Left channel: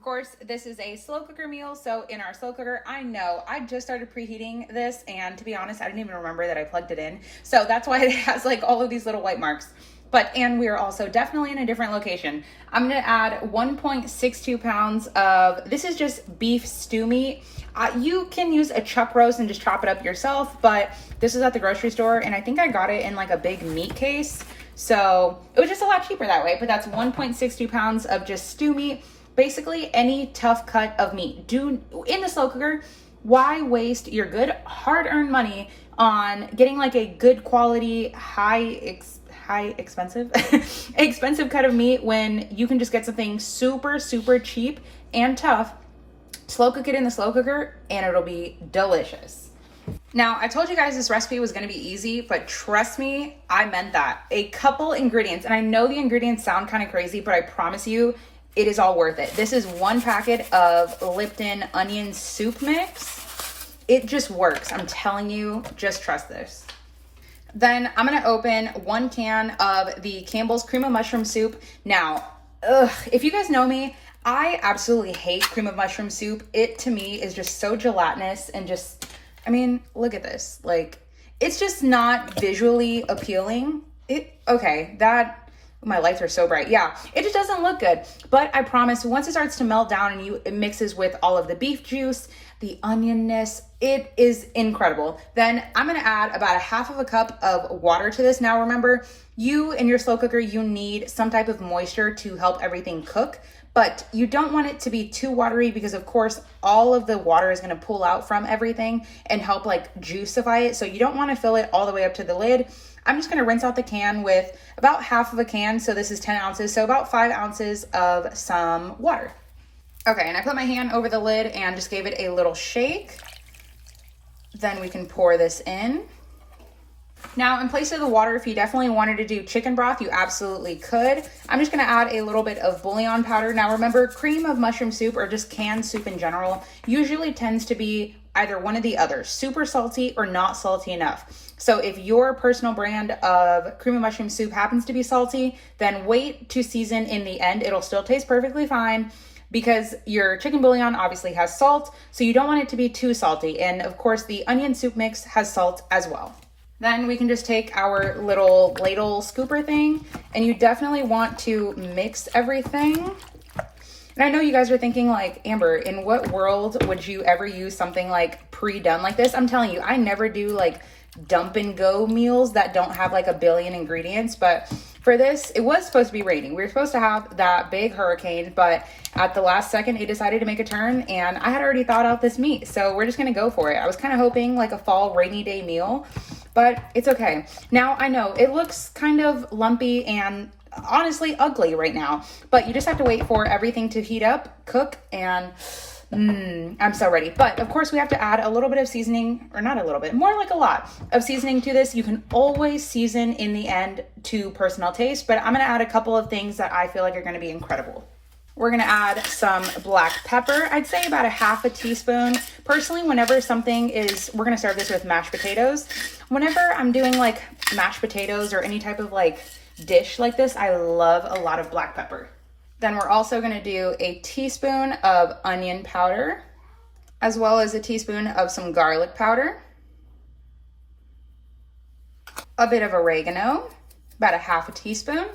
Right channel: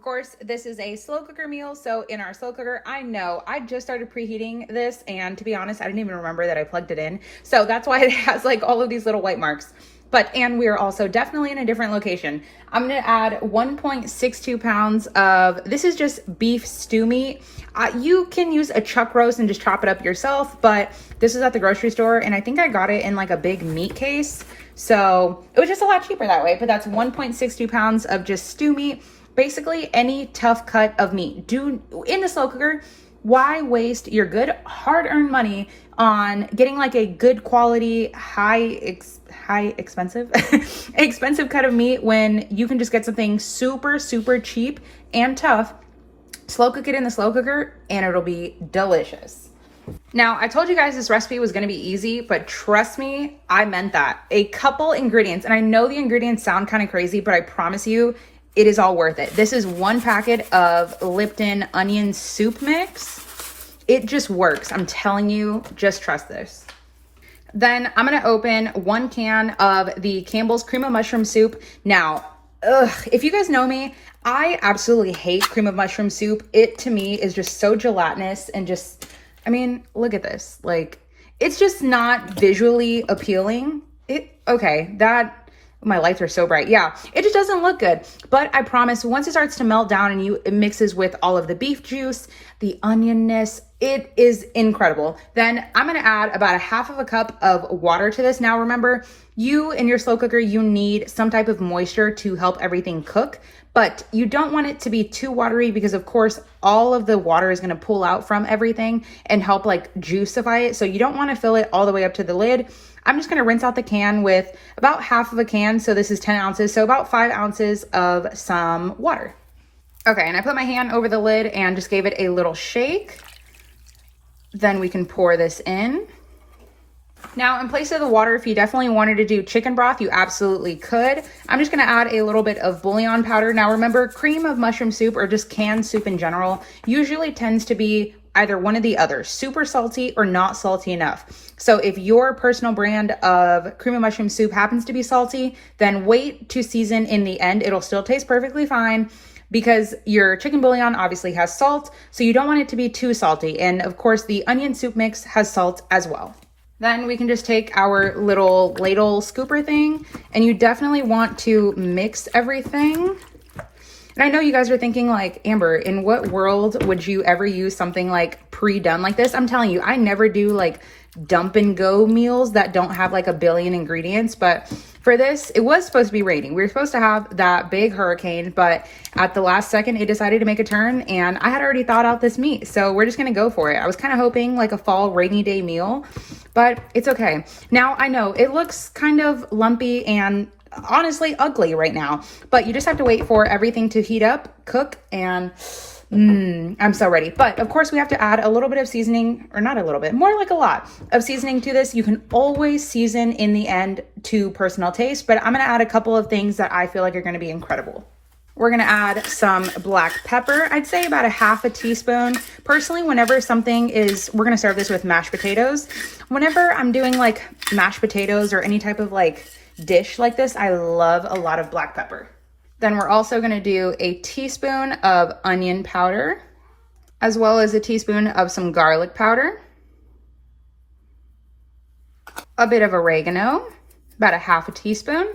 Of course, this is a slow cooker meal. So in our slow cooker, I know I just started preheating this, and to be honest, I didn't even remember that I plugged it in. So that's why it has like all of these little white marks. And we're also definitely in a different location. I'm gonna add 1.62 pounds of, this is just beef stew meat. You can use a chuck roast and just chop it up yourself, but this is at the grocery store, and I think I got it in like a big meat case. So it was just a lot cheaper that way, but that's 1.62 pounds of just stew meat. Basically any tough cut of meat. Do in the slow cooker, why waste your good hard-earned money on getting like a good quality, expensive cut of meat when you can just get something super cheap and tough, slow cook it in the slow cooker, and it'll be delicious. Now, I told you guys this recipe was gonna be easy, but trust me, I meant that. A couple ingredients, and I know the ingredients sound kind of crazy, but I promise you, it is all worth it. This is 1 packet of Lipton onion soup mix. It just works. I'm telling you, just trust this. Then I'm gonna open 1 can of the Campbell's cream of mushroom soup. Now, if you guys know me, I absolutely hate cream of mushroom soup. It to me is just so gelatinous and just, I mean, look at this. Like, it's just not visually appealing. My lights are so bright. Yeah, it just doesn't look good. But I promise, once it starts to melt down and it mixes with all of the beef juice, the onionness, it is incredible. Then I'm gonna add about 1/2 cup of water to this. Now remember, you in your slow cooker, you need some type of moisture to help everything cook, but you don't want it to be too watery because of course, all of the water is gonna pull out from everything and help like juicify it. So you don't wanna fill it all the way up to the lid. I'm just gonna rinse out the can with about 1/2 a can. So this is 10 ounces. So about 5 ounces of some water. Okay, and I put my hand over the lid and just gave it a little shake. Then we can pour this in. Now, in place of the water, if you definitely wanted to do chicken broth, you absolutely could. I'm just gonna add a little bit of bouillon powder. Now remember, cream of mushroom soup or just canned soup in general usually tends to be either one of the other, super salty or not salty enough. So if your personal brand of cream of mushroom soup happens to be salty, then wait to season in the end. It'll still taste perfectly fine because your chicken bouillon obviously has salt, so you don't want it to be too salty. And of course, the onion soup mix has salt as well. Then we can just take our little ladle scooper thing, and you definitely want to mix everything. And I know you guys are thinking like, Amber, in what world would you ever use something like pre-done like this? I'm telling you, I never do like dump and go meals that don't have like a billion ingredients. But for this, it was supposed to be raining. We were supposed to have that big hurricane, but at the last second, it decided to make a turn, and I had already thought out this meat. So we're just gonna go for it. I was kind of hoping like a fall rainy day meal, but it's okay. Now I know it looks kind of lumpy and honestly ugly right now, but you just have to wait for everything to heat up, cook, and I'm so ready. But of course we have to add a little bit of seasoning, or not a little bit, more like a lot of seasoning to this. You can always season in the end to personal taste, but I'm gonna add a couple of things that I feel like are gonna be incredible. We're gonna add some black pepper. I'd say about 1/2 teaspoon. Personally, whenever we're gonna serve this with mashed potatoes. Whenever I'm doing like mashed potatoes or any type of like dish like this, I love a lot of black pepper. Then we're also gonna do a teaspoon of onion powder, as well as a teaspoon of some garlic powder, a bit of oregano, about 1/2 teaspoon,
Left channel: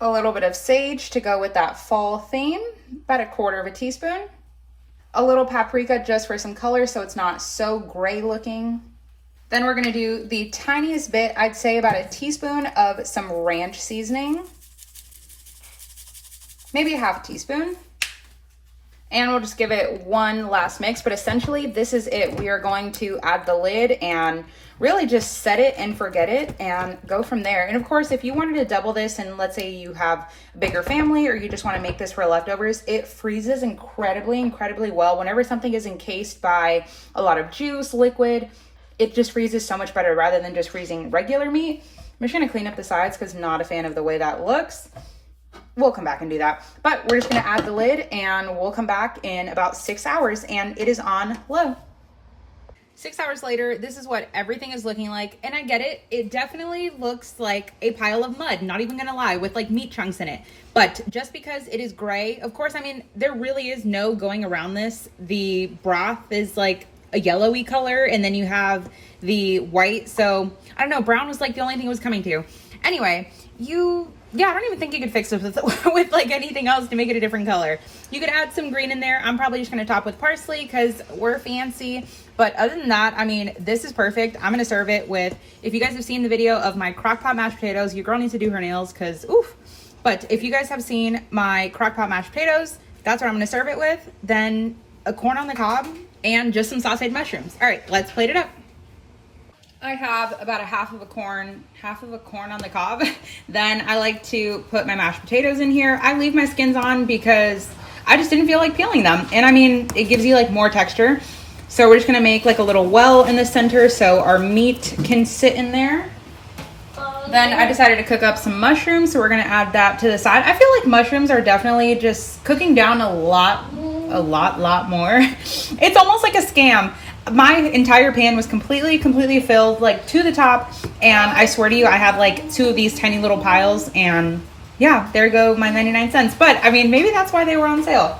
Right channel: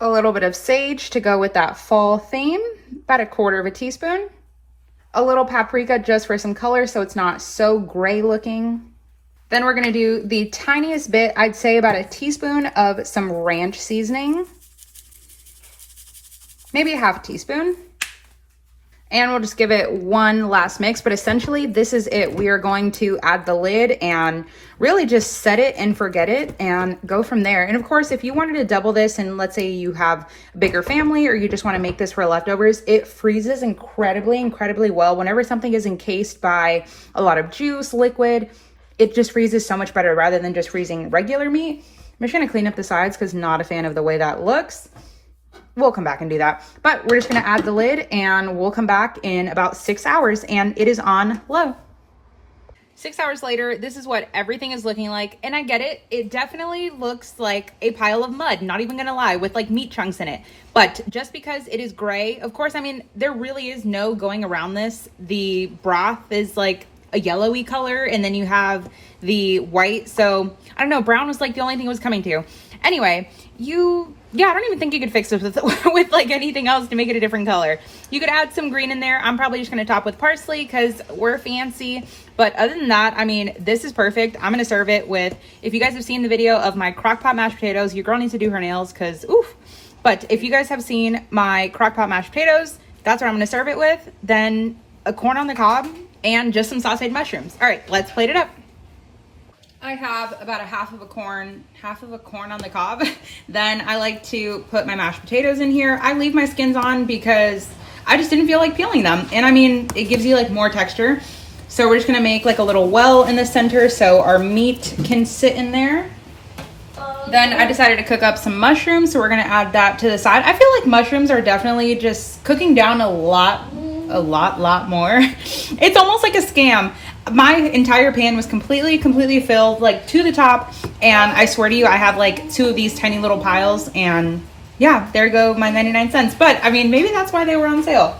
a little bit of sage to go with that fall theme, about 1/4 teaspoon, a little paprika just for some color so it's not so gray looking. Then we're gonna do the tiniest bit, I'd say about 1 teaspoon of some ranch seasoning, maybe 1/2 teaspoon. And we'll just give it one last mix, but essentially this is it. We are going to add the lid and really just set it and forget it and go from there. And of course, if you wanted to double this and let's say you have a bigger family or you just want to make this for leftovers, it freezes incredibly well. Whenever something is encased by a lot of juice, liquid, it just freezes so much better rather than just freezing regular meat. I'm just gonna clean up the sides because not a fan of the way that looks. We'll come back and do that. But we're just gonna add the lid and we'll come back in about 6 hours and it is on low. 6 hours later, this is what everything is looking like. And I get it. It definitely looks like a pile of mud, not even gonna lie, with like meat chunks in it. But just because it is gray, of course, I mean, there really is no going around this. The broth is like a yellowy color, and then you have the white. So I don't know, brown was like the only thing it was coming to. Anyway, yeah, I don't even think you could fix this with like anything else to make it a different color. You could add some green in there. I'm probably just gonna top with parsley because we're fancy. But other than that, I mean, this is perfect. I'm gonna serve it with, if you guys have seen the video of my Crockpot mashed potatoes, your girl needs to do her nails because oof. But if you guys have seen my Crockpot mashed potatoes, that's what I'm gonna serve it with. Then a corn on the cob and just some sauteed mushrooms. All right, let's plate it up. I have about a half of a corn on the cob. Then I like to put my mashed potatoes in here. I leave my skins on because I just didn't feel like peeling them. And I mean, it gives you like more texture. So we're just gonna make like a little well in the center so our meat can sit in there. Then I decided to cook up some mushrooms. So we're gonna add that to the side. I feel like mushrooms are definitely just cooking down a lot more. It's almost like a scam. My entire pan was completely filled like to the top, and I swear to you, I have like 2 of these tiny little piles, and yeah, there go my 99 cents. But I mean, maybe that's why they were on sale.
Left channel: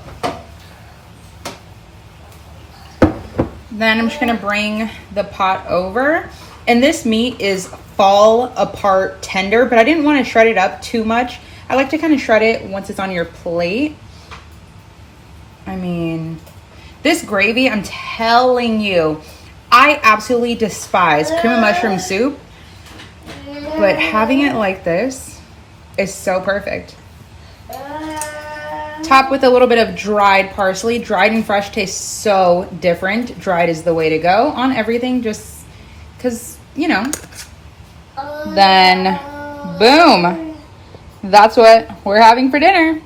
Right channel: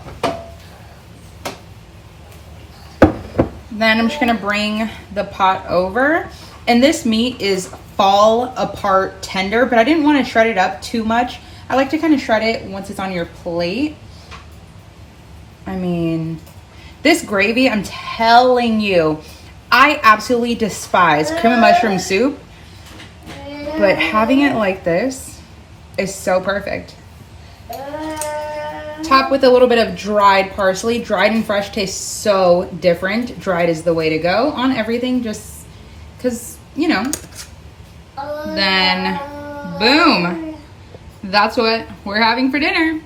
Then I'm just gonna bring the pot over, and this meat is fall apart tender, but I didn't want to shred it up too much. I like to kind of shred it once it's on your plate. I mean, this gravy, I'm telling you, I absolutely despise cream of mushroom soup, but having it like this is so perfect. Top with a little bit of dried parsley. Dried and fresh tastes so different. Dried is the way to go on everything, just because, you know. Then, boom. That's what we're having for dinner.